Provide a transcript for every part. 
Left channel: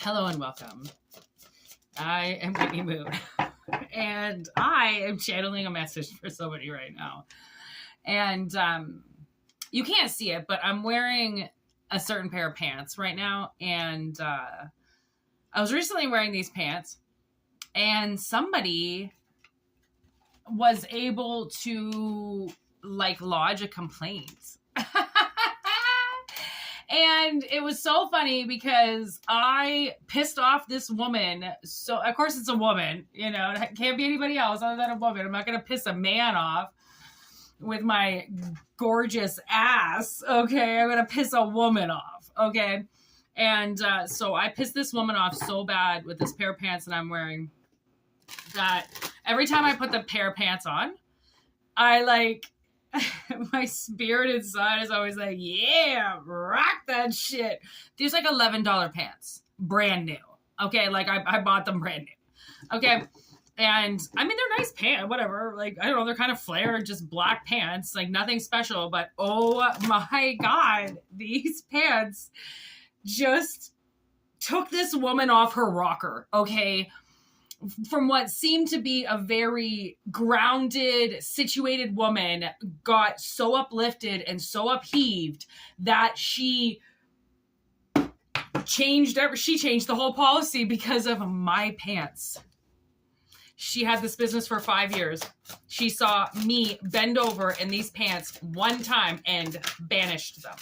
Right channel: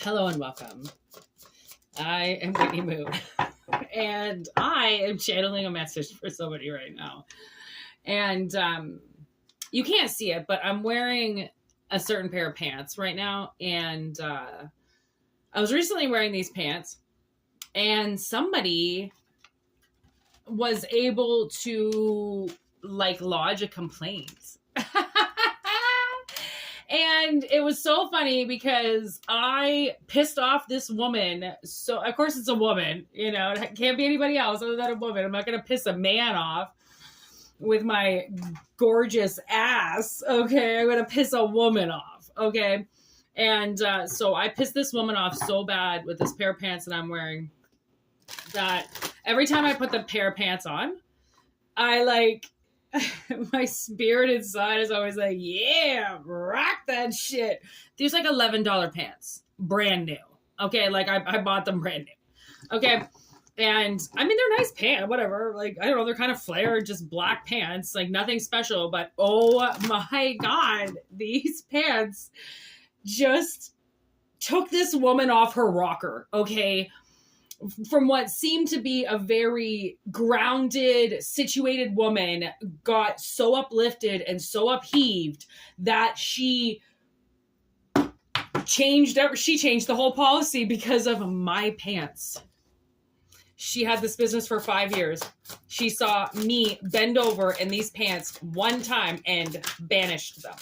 Hello and welcome. I am Whitney MøøN, and I am channeling a message for somebody right now. And you can't see it, but I'm wearing a certain pair of pants right now. And I was recently wearing these pants, and somebody was able to lodge a complaint. And it was so funny because I pissed off this woman. So, of course, it's a woman. You know, it can't be anybody else other than a woman. I'm not going to piss a man off with my gorgeous ass. Okay, I'm going to piss a woman off. Okay. And so I pissed this woman off so bad with this pair of pants that I'm wearing that every time I put the pair of pants on, I my spirit inside is always like, yeah, rock that shit. These $11 pants, brand new. Okay, I bought them brand new. Okay, and I mean they're nice pants, whatever. I don't know, they're kind of flared, just black pants, nothing special. But oh my god, these pants just took this woman off her rocker. Okay. From what seemed to be a very grounded, situated woman, got so uplifted and so upheaved that she changed the whole policy because of my pants. She had this business for 5 years. She saw me bend over in these pants one time and banished them.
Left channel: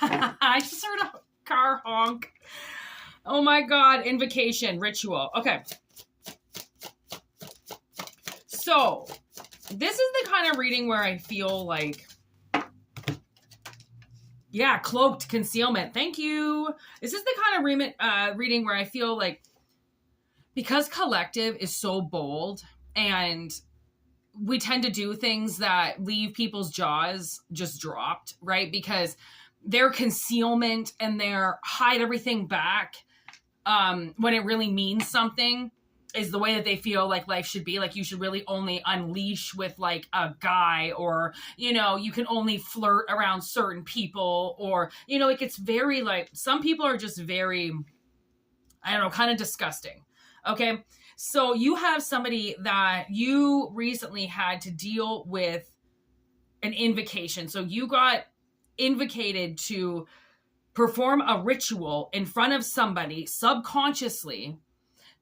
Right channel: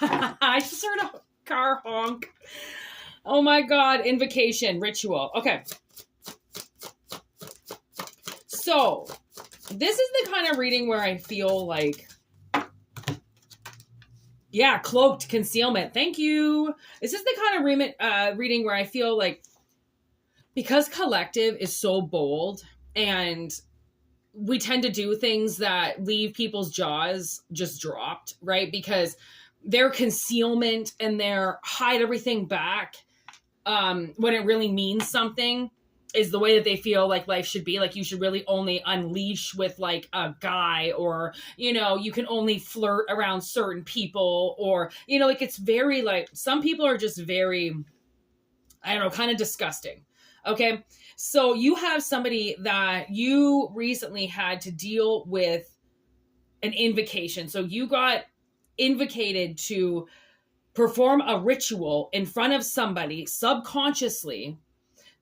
I just heard a car honk. Oh my God, invocation, ritual. Okay. So, this is the kind of reading where I feel cloaked concealment. Thank you. This is the kind of reading where I feel because collective is so bold and we tend to do things that leave people's jaws just dropped, right? Because their concealment and their hide everything back when it really means something is the way that they feel life should be. You should really only unleash with a guy, or, you can only flirt around certain people, or, it's very some people are just very, I don't know, kind of disgusting. Okay. So you have somebody that you recently had to deal with an invocation. So you got invocated to perform a ritual in front of somebody subconsciously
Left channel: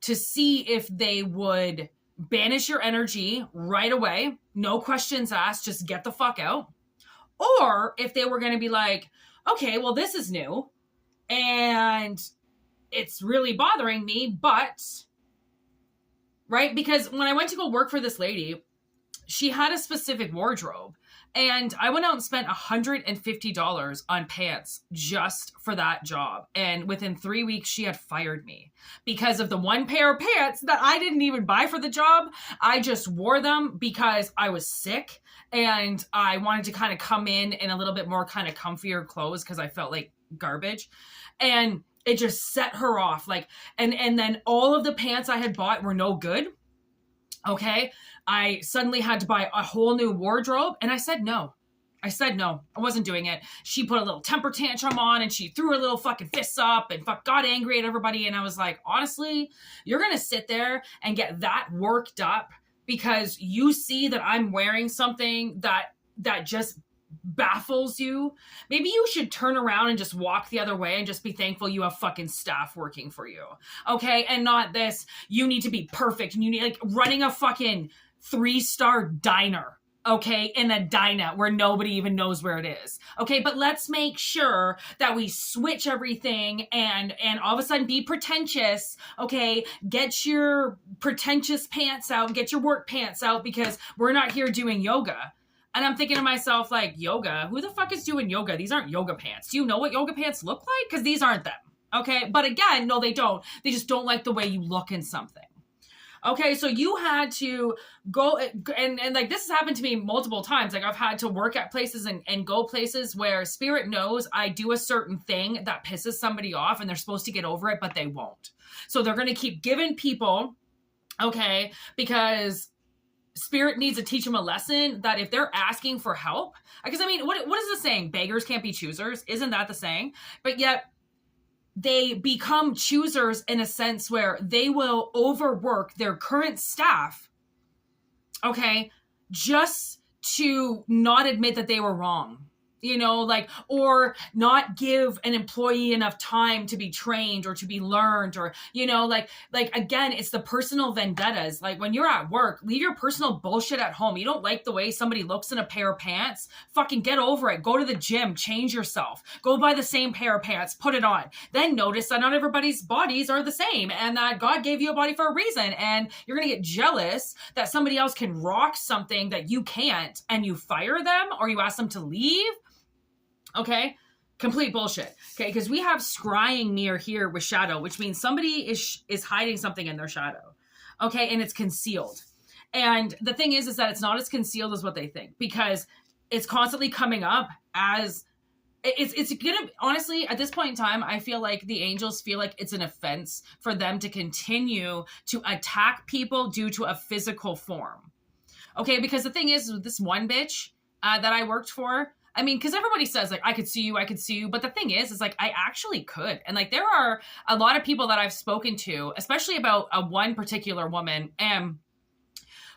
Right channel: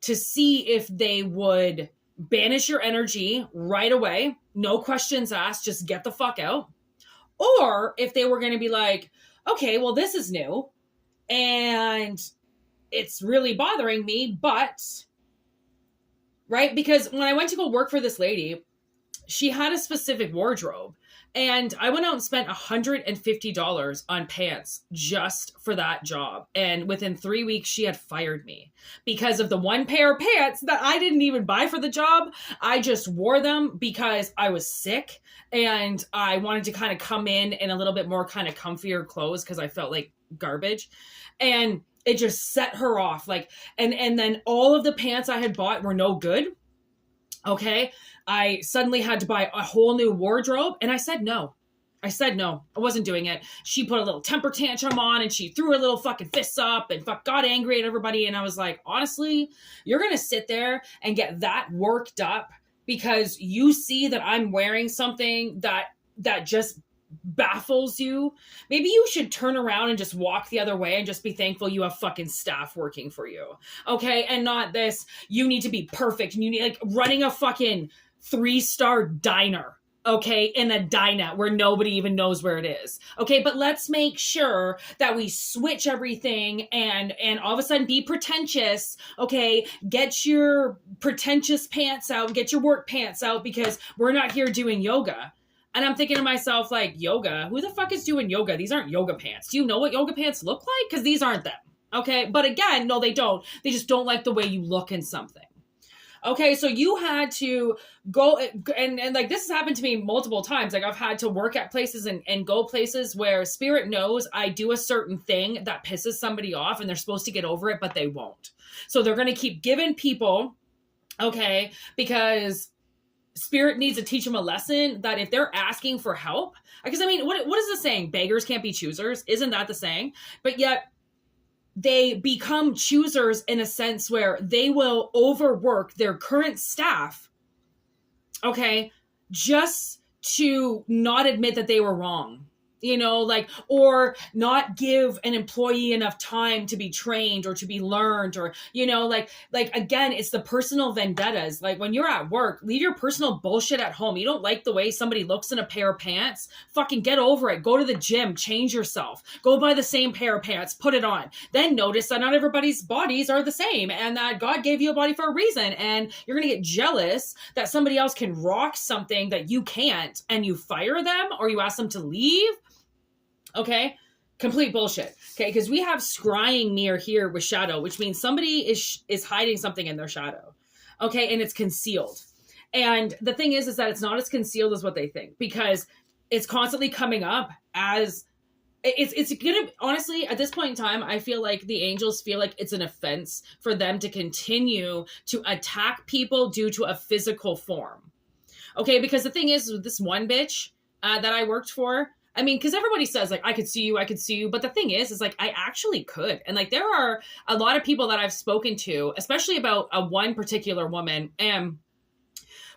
to see if they would banish your energy right away. No questions asked, just get the fuck out. Or if they were going to be okay, well, this is new and it's really bothering me, but, right? Because when I went to go work for this lady, she had a specific wardrobe. And I went out and spent $150 on pants just for that job. And within 3 weeks, she had fired me because of the one pair of pants that I didn't even buy for the job. I just wore them because I was sick and I wanted to kind of come in a little bit more kind of comfier clothes because I felt like garbage. And it just set her off. And then all of the pants I had bought were no good. Okay. I suddenly had to buy a whole new wardrobe, and I said no. I wasn't doing it. She put a little temper tantrum on, and she threw her little fucking fists up and got angry at everybody. And I was like, honestly, you're going to sit there and get that worked up because you see that I'm wearing something that just baffles you. Maybe you should turn around and just walk the other way and just be thankful you have fucking staff working for you. Okay. And not this, you need to be perfect. And you need running a fucking 3-star diner, okay, in a dinette where nobody even knows where it is. Okay, but let's make sure that we switch everything and all of a sudden be pretentious, okay? Get your pretentious pants out, get your work pants out because we're not here doing yoga. And I'm thinking to myself, yoga? Who the fuck is doing yoga? These aren't yoga pants. Do you know what yoga pants look like? Because these aren't them, okay? But again, no, they don't. They just don't like the way you look in something. Okay, so you had to go and this has happened to me multiple times. I've had to work at places and go places where spirit knows I do a certain thing that pisses somebody off and they're supposed to get over it, but they won't. So they're going to keep giving people, okay, because Spirit needs to teach them a lesson that if they're asking for help, because I mean, what is the saying? Beggars can't be choosers. Isn't that the saying? But yet they become choosers in a sense where they will overwork their current staff, okay, just to not admit that they were wrong. You know, like, or not give an employee enough time to be trained or to be learned, or, you know, like again, it's the personal vendettas. Like when you're at work, leave your personal bullshit at home. You don't like the way somebody looks in a pair of pants? Fucking get over it. Go to the gym, change yourself, go buy the same pair of pants, put it on. Then notice that not everybody's bodies are the same and that God gave you a body for a reason. And you're going to get jealous that somebody else can rock something that you can't, and you fire them or you ask them to leave. Okay, complete bullshit. Okay, because we have scrying near here with shadow, which means somebody is hiding something in their shadow. Okay, and it's concealed. And the thing is that it's not as concealed as what they think, because it's constantly coming up as it's gonna, honestly, at this point in time, I feel like the angels feel like it's an offense for them to continue to attack people due to a physical form. Okay, because the thing is with this one bitch that I worked for, I mean, because everybody says, like, I could see you. But the thing is like, I actually could. And, like, there are a lot of people that I've spoken to, especially about one particular woman. And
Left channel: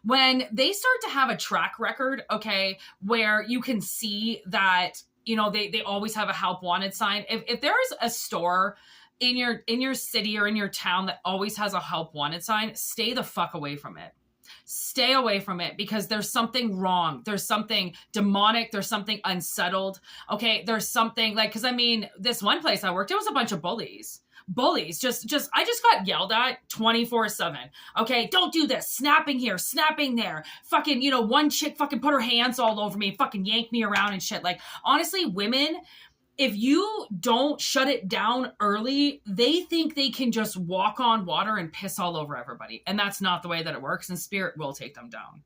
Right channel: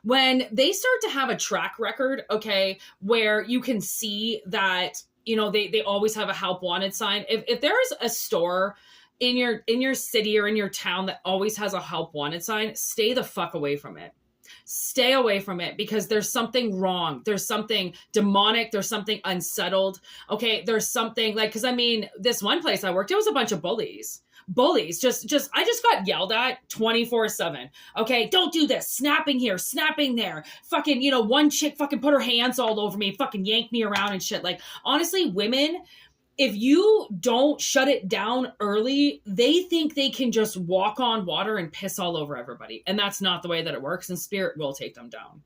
when they start to have a track record, okay, where you can see that, you know, they always have a help wanted sign. If there's a store in your city or in your town that always has a help wanted sign, stay the fuck away from it. Stay away from it, because there's something wrong. There's something demonic. There's something unsettled. Okay. There's something like, cause I mean, this one place I worked, it was a bunch of bullies, I just got yelled at 24/7. Okay. Don't do this. Snapping here, snapping there. Fucking, you know, one chick fucking put her hands all over me, fucking yanked me around and shit. Like, honestly, women, if you don't shut it down early, they think they can just walk on water and piss all over everybody. And that's not the way that it works. And spirit will take them down.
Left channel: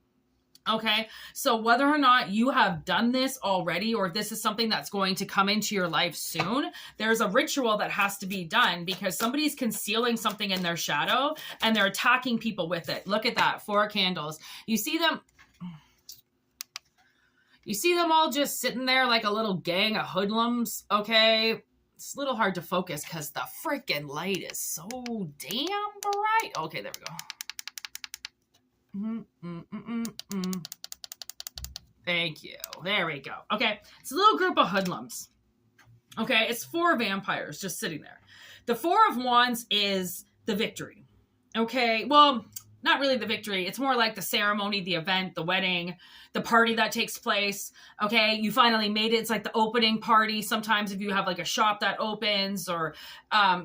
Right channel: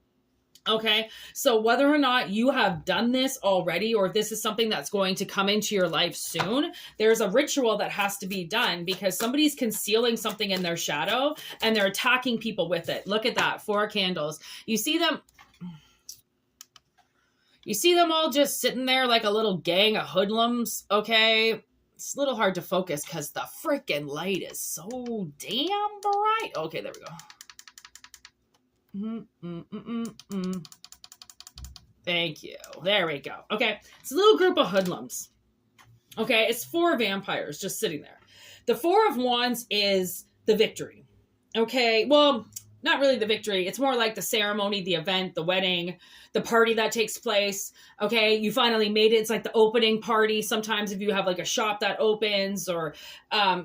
Okay. So whether or not you have done this already, or if this is something that's going to come into your life soon, there's a ritual that has to be done, because somebody's concealing something in their shadow and they're attacking people with it. Look at that. 4 candles. You see them all just sitting there like a little gang of hoodlums, okay? It's a little hard to focus because the freaking light is so damn bright. Okay, there we go. Thank you. There we go. Okay, it's a little group of hoodlums. Okay, it's 4 vampires just sitting there. The 4 of Wands is the victory. Okay, well, not really the victory. It's more like the ceremony, the event, the wedding, the party that takes place. Okay, you finally made it. It's like the opening party. Sometimes if you have like a shop that opens, or,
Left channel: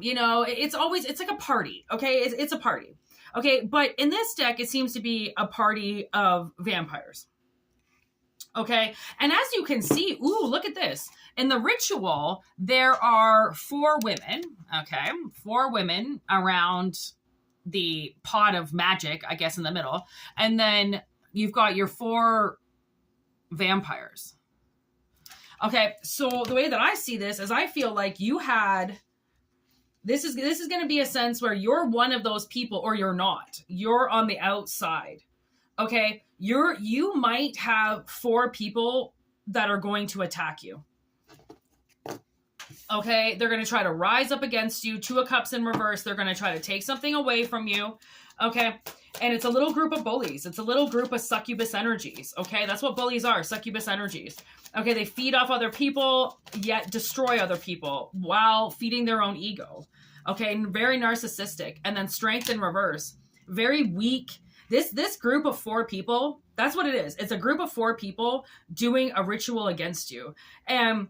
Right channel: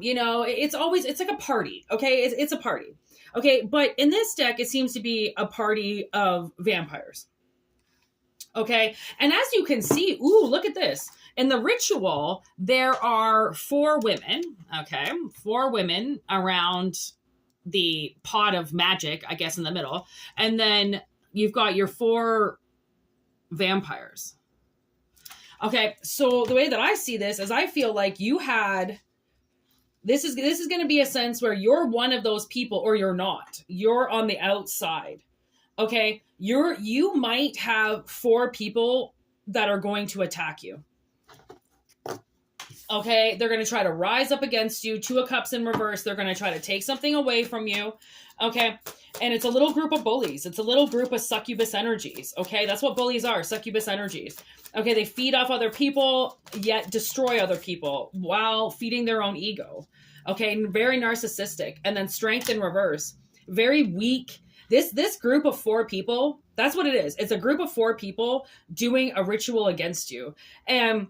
you know, it's like a party. Okay, it's a party. Okay, but in this deck, it seems to be a party of vampires. Okay, and as you can see, ooh, look at this. In the ritual, there are 4 women. Okay, 4 women around the pot of magic, I guess, in the middle. And then you've got your 4 vampires. Okay, so the way that I see this is I feel like you had, this is going to be a sense where you're one of those people, or you're not. You're on the outside. Okay, you might have 4 people that are going to attack you. Okay, they're going to try to rise up against you. 2 of Cups in reverse. They're going to try to take something away from you. Okay, and it's a little group of bullies. It's a little group of succubus energies. Okay, that's what bullies are, succubus energies. Okay, they feed off other people, yet destroy other people while feeding their own ego. Okay, and very narcissistic. And then strength in reverse. Very weak. This group of 4 people, that's what it is. It's a group of 4 people doing a ritual against you. And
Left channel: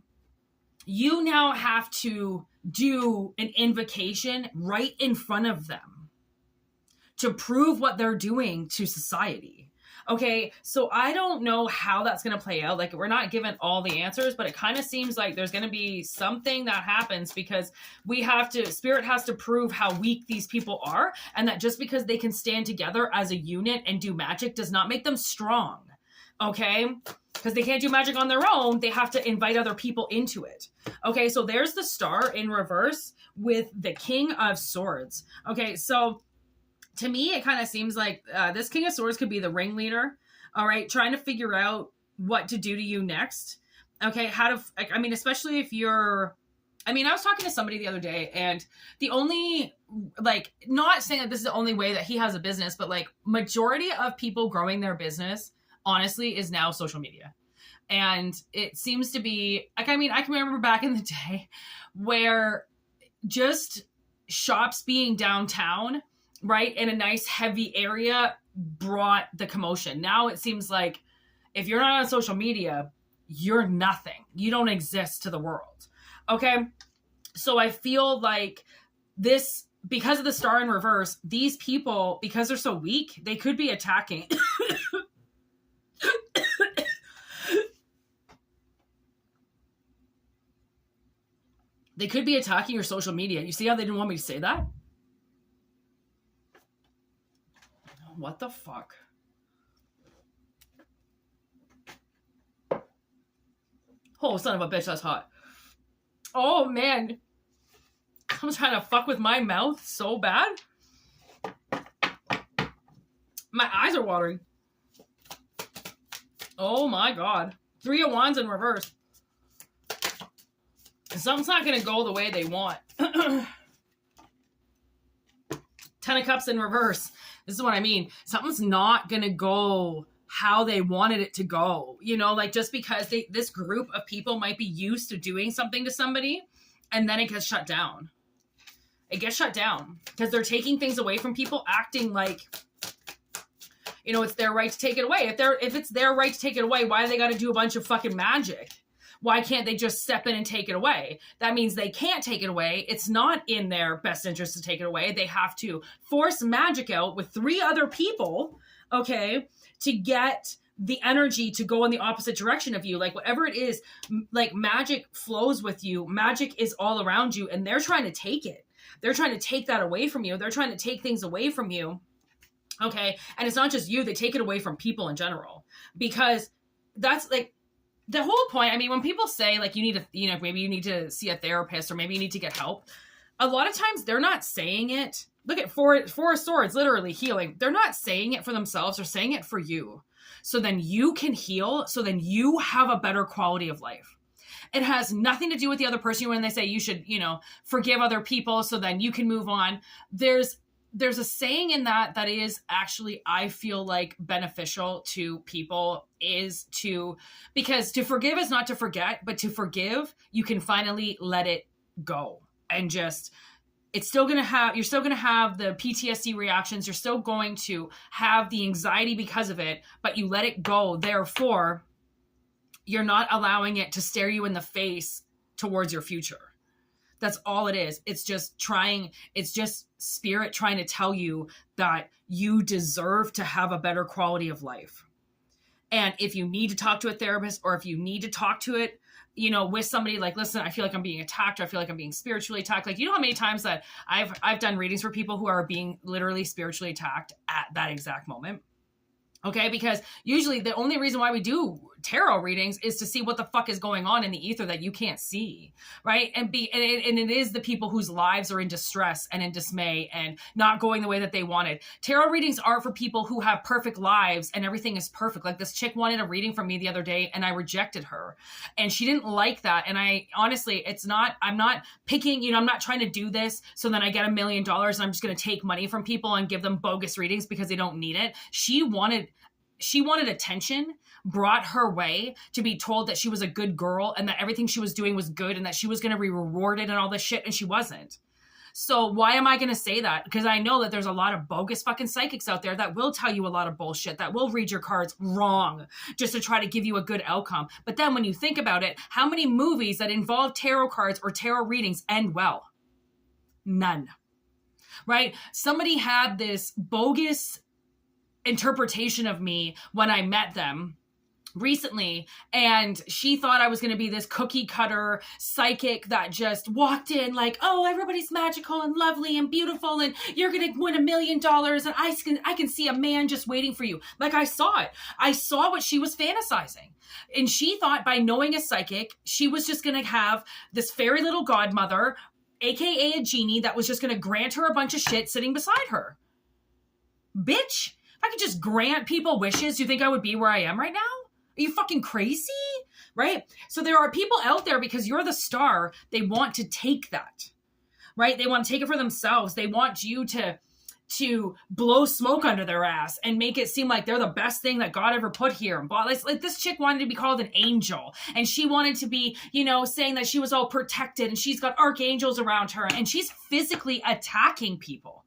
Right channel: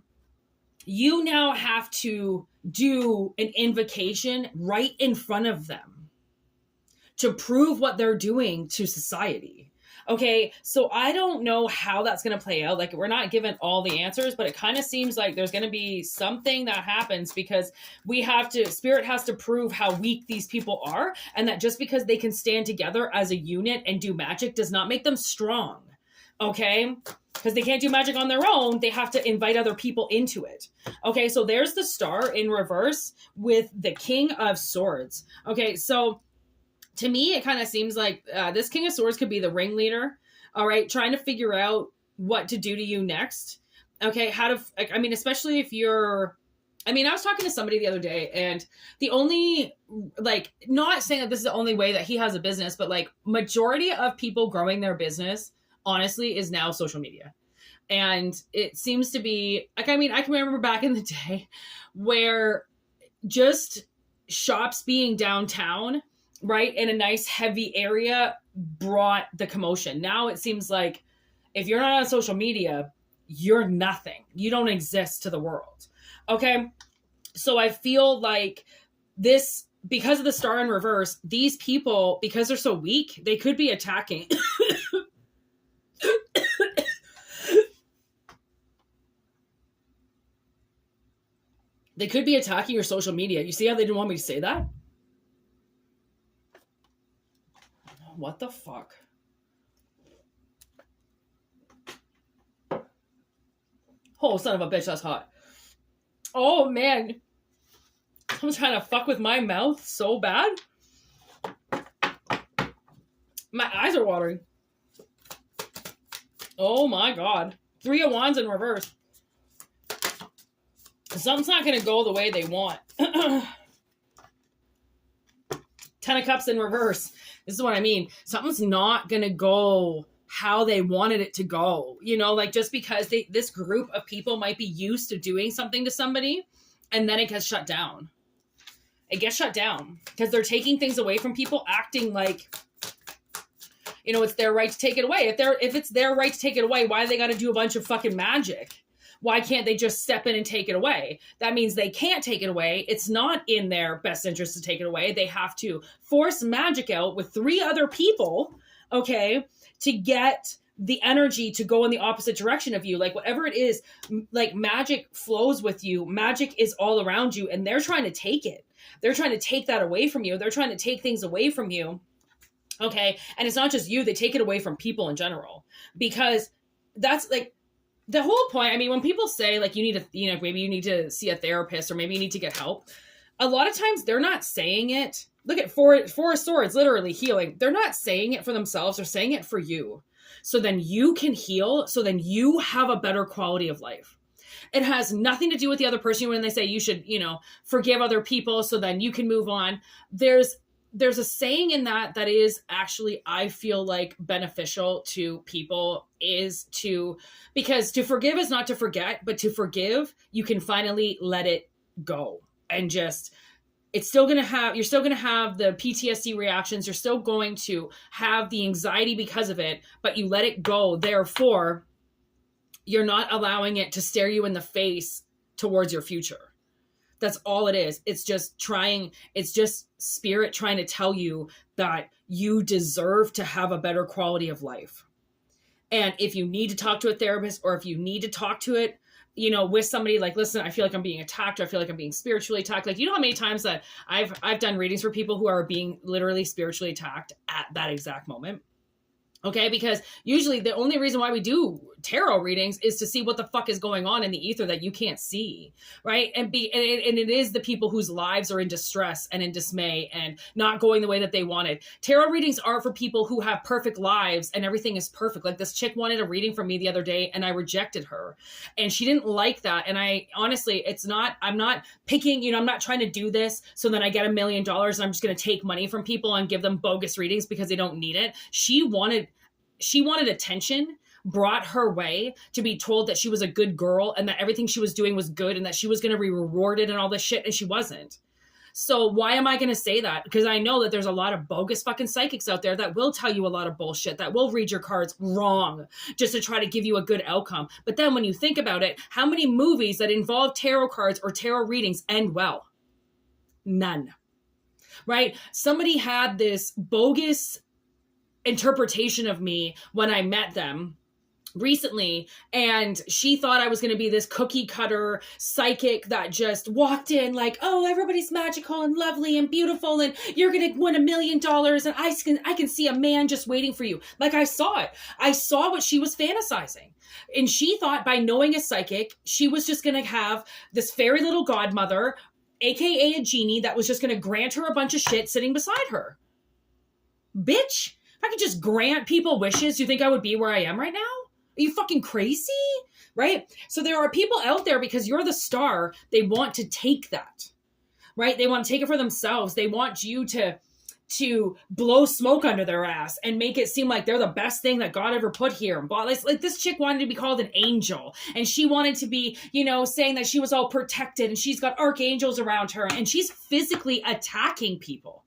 you now have to do an invocation right in front of them to prove what they're doing to society. Okay, so I don't know how that's going to play out. Like, we're not given all the answers, but it kind of seems like there's going to be something that happens, because Spirit has to prove how weak these people are, and that just because they can stand together as a unit and do magic does not make them strong. Okay, because they can't do magic on their own. They have to invite other people into it. Okay, so there's the Star in reverse with the King of Swords. Okay, so to me, it kind of seems like this King of Swords could be the ringleader. All right. Trying to figure out what to do to you next. Okay. How to, like, I mean, especially if you're, I mean, I was talking to somebody the other day, and the only, like, not saying that this is the only way that he has a business, but like majority of people growing their business, honestly, is now social media. And it seems to be like, I mean, I can remember back in the day where just shops being downtown, right, in a nice heavy area brought the commotion. Now it seems like if you're not on social media, you're nothing. You don't exist to the world. Okay. So I feel like this, because of the star in reverse, these people, because they're so weak, they could be attacking. They could be attacking your social media. You see how they didn't want me to say that? What the fuck? Oh, son of a bitch, that's hot. Oh, man. Someone's trying to fuck with my mouth so bad. My eyes are watering. Oh, my God. 3 of Wands in reverse. Something's not going to go the way they want. 10 of Cups in reverse. This is what I mean. Something's not going to go how they wanted it to go. You know, like just because this group of people might be used to doing something to somebody, and then it gets shut down. It gets shut down because they're taking things away from people, acting like, you know, it's their right to take it away. If it's their right to take it away, why do they got to do a bunch of fucking magic? Why can't they just step in and take it away? That means they can't take it away. It's not in their best interest to take it away. They have to force magic out with 3 other people, okay, to get the energy to go in the opposite direction of you. Like whatever it is, like magic flows with you. Magic is all around you, and they're trying to take it. They're trying to take that away from you. They're trying to take things away from you. Okay. And it's not just you. They take it away from people in general, because that's like, the whole point. I mean, when people say like you need to, you know, maybe you need to see a therapist or maybe you need to get help, a lot of times they're not saying it. Look at four of Swords, literally healing. They're not saying it for themselves. They're saying it for you. So then you can heal. So then you have a better quality of life. It has nothing to do with the other person. When they say you should, you know, forgive other people so then you can move on. There's a saying in that is actually, I feel like, beneficial to people, is because to forgive is not to forget, but to forgive, you can finally let it go. And just, you're still going to have the PTSD reactions. You're still going to have the anxiety because of it, but you let it go. Therefore, you're not allowing it to stare you in the face towards your future. That's all it is. It's just spirit trying to tell you that you deserve to have a better quality of life. And if you need to talk to a therapist, or if you need to talk to it, you know, with somebody, like, listen, I feel like I'm being attacked, or I feel like I'm being spiritually attacked. Like, you know how many times that I've done readings for people who are being literally spiritually attacked at that exact moment. Okay, because usually the only reason why we do tarot readings is to see what the fuck is going on in the ether that you can't see, right? And it is the people whose lives are in distress and in dismay and not going the way that they wanted. Tarot readings are for people who have perfect lives and everything is perfect. Like this chick wanted a reading from me the other day and I rejected her, and she didn't like that. And I honestly, I'm not picking, you know, I'm not trying to do this so then I get $1 million and I'm just going to take money from people and give them bogus readings because they don't need it. She wanted attention brought her way to be told that she was a good girl and that everything she was doing was good and that she was going to be rewarded and all this shit, and she wasn't. So why am I going to say that? Because I know that there's a lot of bogus fucking psychics out there that will tell you a lot of bullshit, that will read your cards wrong just to try to give you a good outcome. But then when you think about it, how many movies that involve tarot cards or tarot readings end well? None. Right? Somebody had this bogus interpretation of me when I met them recently, and she thought I was going to be this cookie cutter psychic that just walked in like, oh, everybody's magical and lovely and beautiful and you're going to win $1 million and I can see a man just waiting for you. Like, I saw it. I saw what she was fantasizing. And she thought by knowing a psychic, she was just going to have this fairy little godmother, aka a genie, that was just going to grant her a bunch of shit sitting beside her. Bitch, If I could just grant people wishes, you think I would be where I am right now? Are you fucking crazy? Right? So there are people out there, because you're the star, they want to take that, right? They want to take it for themselves. They want you to blow smoke under their ass and make it seem like they're the best thing that God ever put here. Like this chick wanted to be called an angel, and she wanted to be, saying that she was all protected and she's got archangels around her, and she's physically attacking people.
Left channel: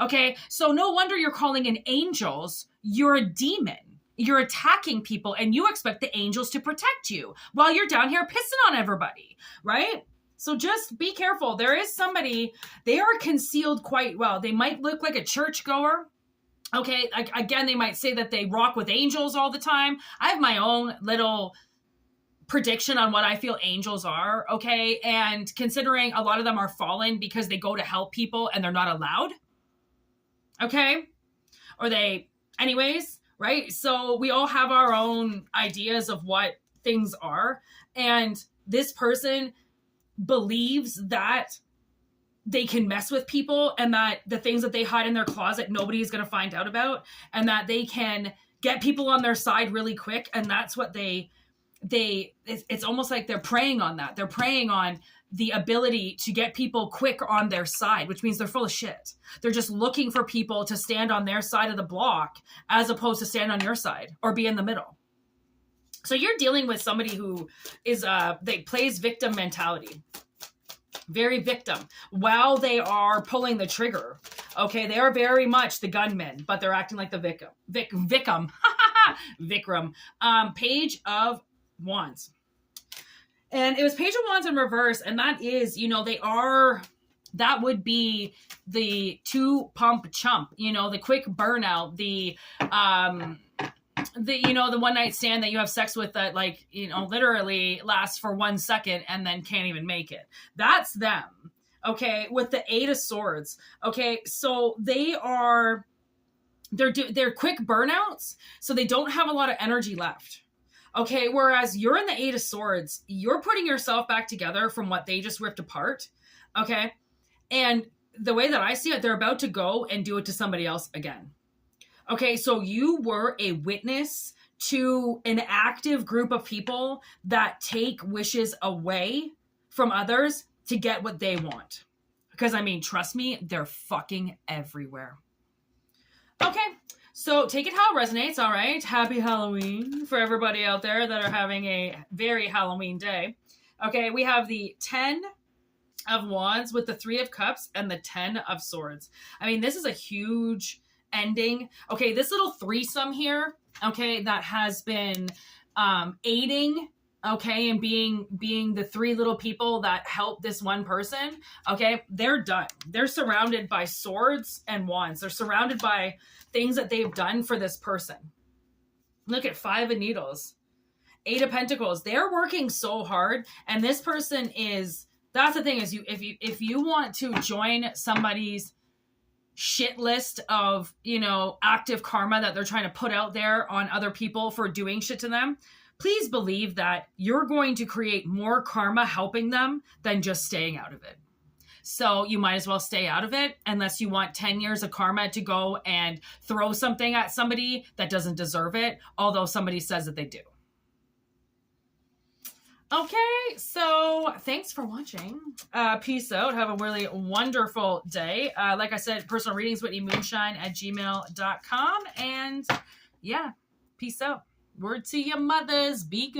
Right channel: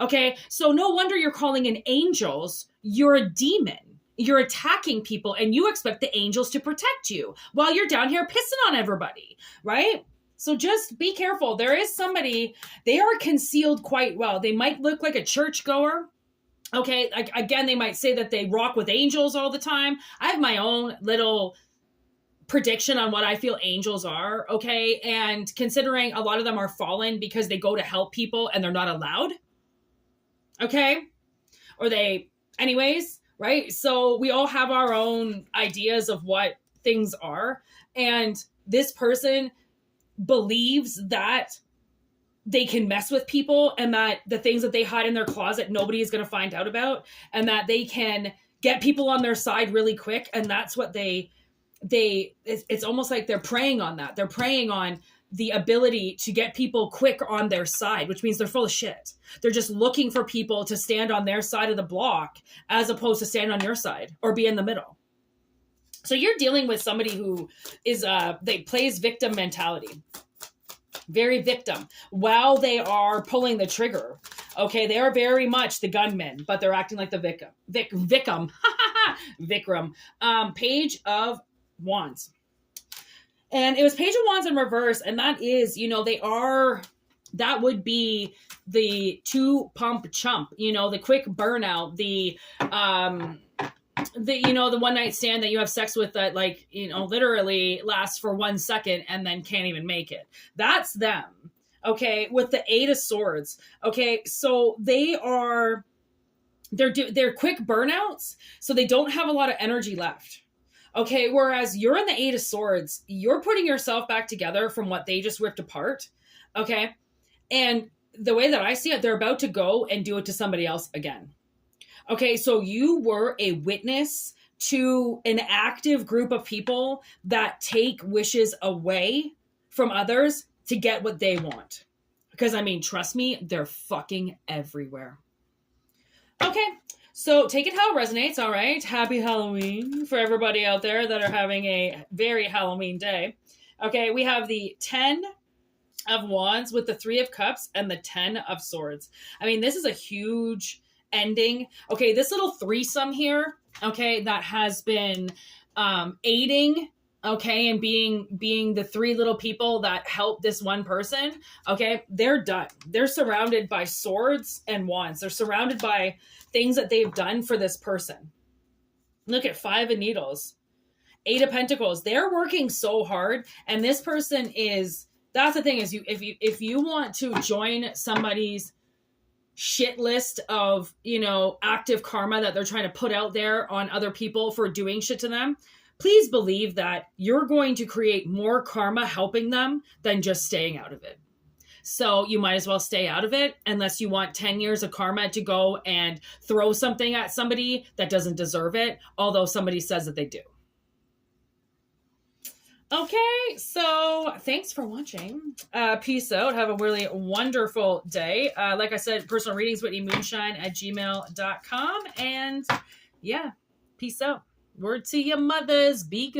Okay. So no wonder you're calling in angels. You're a demon. You're attacking people, and you expect the angels to protect you while you're down here pissing on everybody, right? So just be careful. There is somebody, they are concealed quite well. They might look like a churchgoer. Okay. Like, again, they might say that they rock with angels all the time. I have my own little prediction on what I feel angels are. Okay. And considering a lot of them are fallen because they go to help people and they're not allowed. Okay. Anyways, right? So we all have our own ideas of what things are. And this person believes that they can mess with people, and that the things that they hide in their closet, nobody is going to find out about, and that they can get people on their side really quick. And that's what it's almost like they're preying on that. They're preying on the ability to get people quick on their side, which means they're full of shit. They're just looking for people to stand on their side of the block as opposed to stand on your side or be in the middle. So you're dealing with somebody who is, they plays victim mentality. Very victim while they are pulling the trigger. Okay. They are very much the gunman, but they're acting like the victim. Vikram. Page of Wands. And it was Page of Wands in reverse. And that is, that would be the two pump chump, the quick burnout, the one night stand that you have sex with that, like, literally lasts for 1 second and then can't even make it. That's them. Okay. With the 8 of Swords. Okay. So they're quick burnouts. So they don't have a lot of energy left. Okay, whereas you're in the 8 of Swords, you're putting yourself back together from what they just ripped apart. Okay, and the way that I see it, they're about to go and do it to somebody else again. Okay, so you were a witness to an active group of people that take wishes away from others to get what they want. Because, trust me, they're fucking everywhere. Okay. So take it how it resonates, all right? Happy Halloween for everybody out there that are having a very Halloween day. Okay, we have the 10 of Wands with the 3 of Cups and the 10 of Swords. This is a huge ending. Okay, this little threesome here, okay, that has been aiding, okay, and being the 3 little people that help this one person, okay, they're done. They're surrounded by swords and wands. They're surrounded by things that they've done for this person. Look at 5 of Needles, 8 of Pentacles. They're working so hard, and this person that's the thing is, if you want to join somebody's shit list of, active karma that they're trying to put out there on other people for doing shit to them, please believe that you're going to create more karma helping them than just staying out of it. So you might as well stay out of it unless you want 10 years of karma to go and throw something at somebody that doesn't deserve it, although somebody says that they do. Okay, so thanks for watching. Peace out. Have a really wonderful day. Like I said, personal readings, WhitneyMoonshine@gmail.com. And yeah, peace out. Word to your mothers. Be good.